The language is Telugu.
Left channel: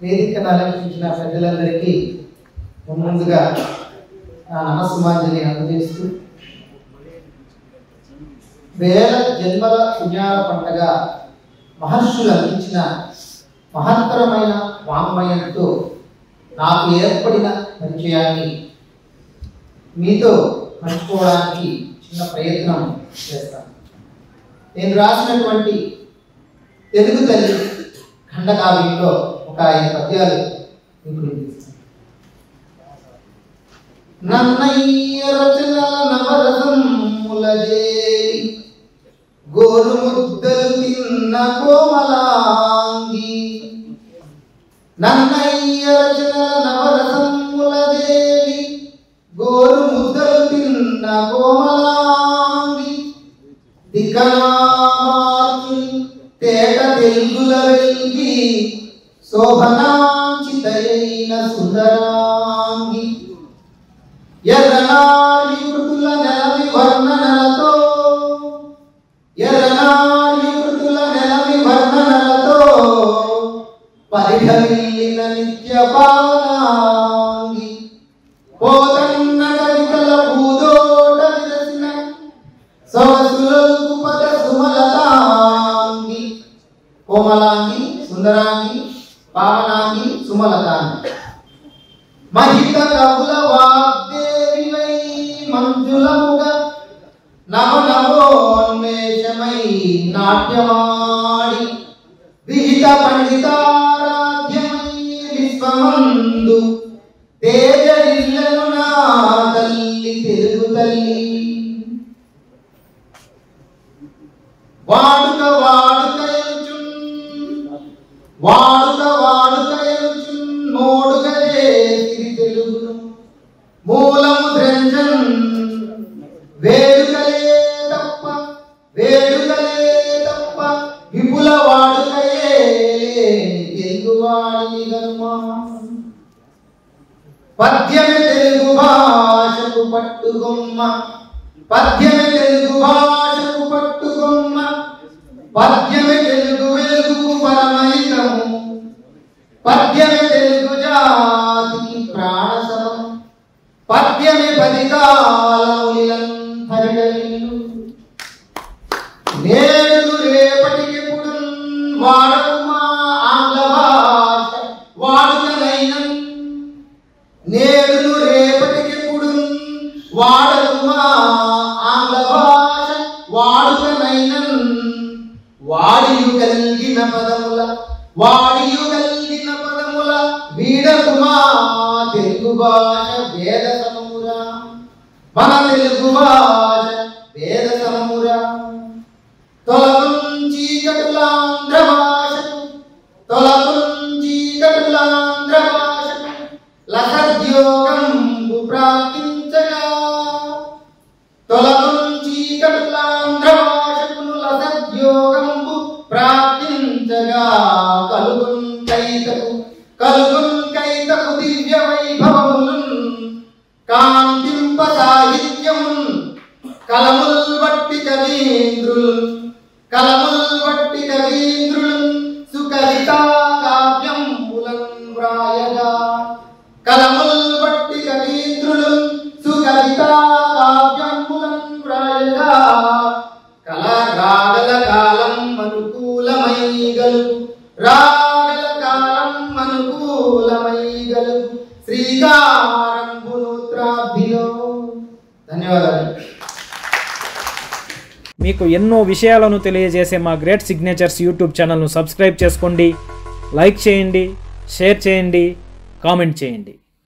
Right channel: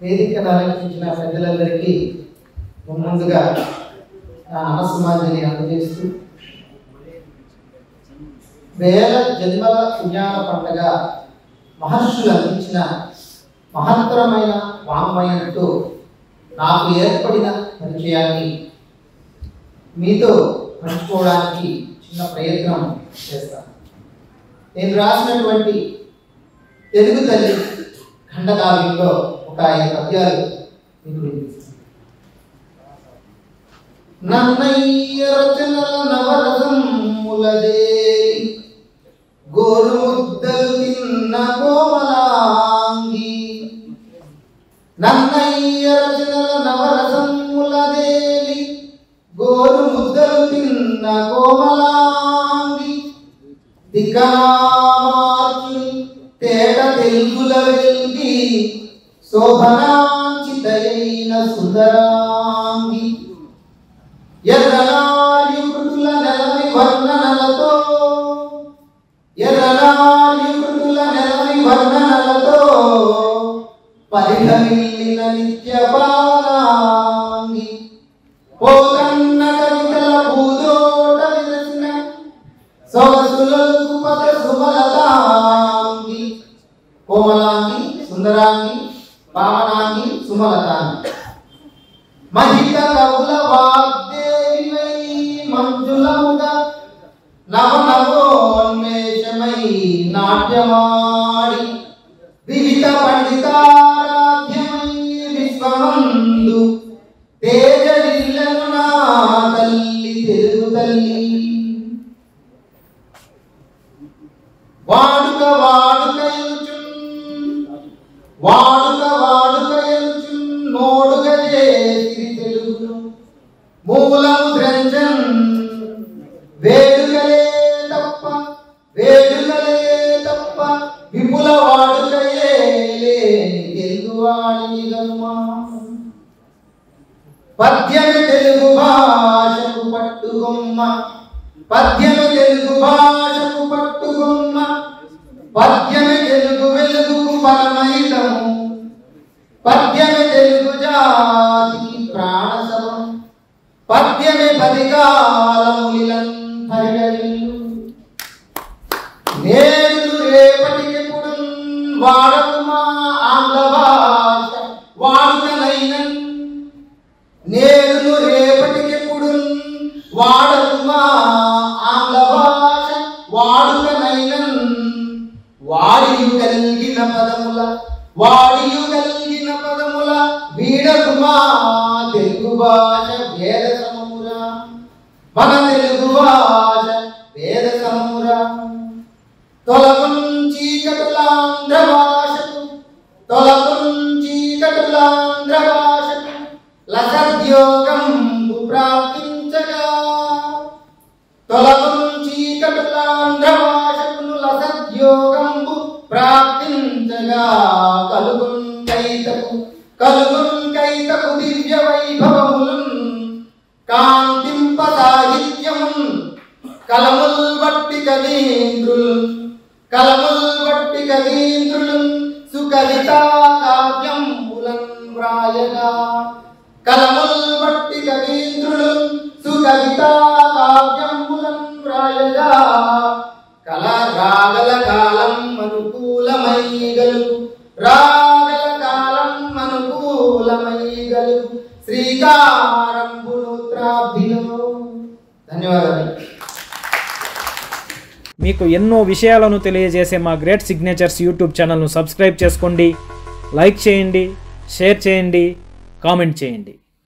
వేదికను అలంకరించిన పెద్దలందరికీ ముందుగా నా నమస్సుమాంజలి అందజేస్తూ వేల జన్మల పుణ్యాల పండగ మహర్షులు అందించిన మహత్తరమైన వాంగ్మయంతో నాకు ఏర్పడిన పరిచయాన్ని మీతో పంచుకోవడానికి చిన్న ప్రయత్నం చేస్తాను. నేను రాసినటువంటి తెలుగు తల్లి ఖండకావ్యంలో ఒక 5 పద్యాలు మీకు వినిపిస్తాను. నన్నయ్య రచనల నవరసములదే గోరు ముద్దలు తిన్న కోమలాంగి, నన్నయ్య రచనల నవరసములదేవి గోరు ముద్దలు తిన్న కోమలాంగి, దిక్కనామార్చి తేట తెలుగుల వెల్గి శోభనాంచితయైన సుందరాంగి, ఎర్రనారి మృతుల నెలవి వర్ణనలతో, ఎర్రనారి మృతుల నెలవి వర్ణనలతో పరిఘమిల్లిన నిత్య పావనాంగి, పోతన్న కవితల భూదోట విరసిన సొగసులకు పద సుమలతాంగి, కోమలాంగి, సుందరాంగి, పావనాంగి, సుమలతాంగి, మహిత కవుల వాగ్దేవివై మంజులముగా నవనవోన్మేషమై నాట్యమాడి, విహిత పండితారాధ్యమై విశ్వమందు తేజరిల్లను నా తల్లి తెలుగు తల్లి, వాడుక వాడుకలుచున్ నోడుగా చేసి తెలుగు మూలము ద్రంజన్ వేడుకలే తప్ప విపుల వాడుకయే తెలుగువాడి గమ్మా, పద్యమే తెలుగు భాషకు పట్టుగొమ్మ, పద్యమే తెలుగు భాషకు పట్టుగొమ్మ, పద్యమే తెలుగు వెలుగుకు పరమహితము, పద్యమే తెలుగు జాతికి ప్రాణసమం, పద్యమే 10 కాలములంతరిగలిల్లు, నేడు రేపటికెప్పుడు వాడకుమా ఆంగ్ల భాష వాడుకనైనన్, నేడు రేపటికెప్పుడు వాడకుమా ఆంగ్ల భాష వాడుకనైనన్, వాడియు కలిగిన పదముల వీడకుమా తెలుగు భాష వేద సమమురా, మన తెలుగు భాష వేద సమమురా, తొలగుంచి కటులాంధ్ర భాషకు, తొలగుంచి కటులాంధ్ర భాషకు లసద్యోగంబు ప్రాప్తించగా, తొలగుంచి కటులాంధ్ర భాషకు లసద్యోగంబు ప్రాప్తించగా, కలుగున్ దివ్య వైభవములున్ కాంతింప సాహిత్యమున్ కలముల్ వట్టి కవీంద్రులు సుకవితా కావ్యంబులన్ వ్రాయగా, కలముల్ వట్టి కవీంద్రులు సుకవితా కావ్యంబులన్ వ్రాయగా, రాగల కాలం అనుకూలమై గలుగు, రాగల కాలం అనుకూలమై గలుగు శ్రీకారంబునుత్రాబ్ధిలో. ధన్యవాదాలు. మీకు ఎన్నో విషయాలను తెలియజేసే మా గ్రేట్ సిగ్నేచర్స్ యూట్యూబ్ ఛానల్ను సబ్స్క్రైబ్ చేసుకోండి, లైక్ చేయండి, షేర్ చేయండి, కామెంట్ చేయండి.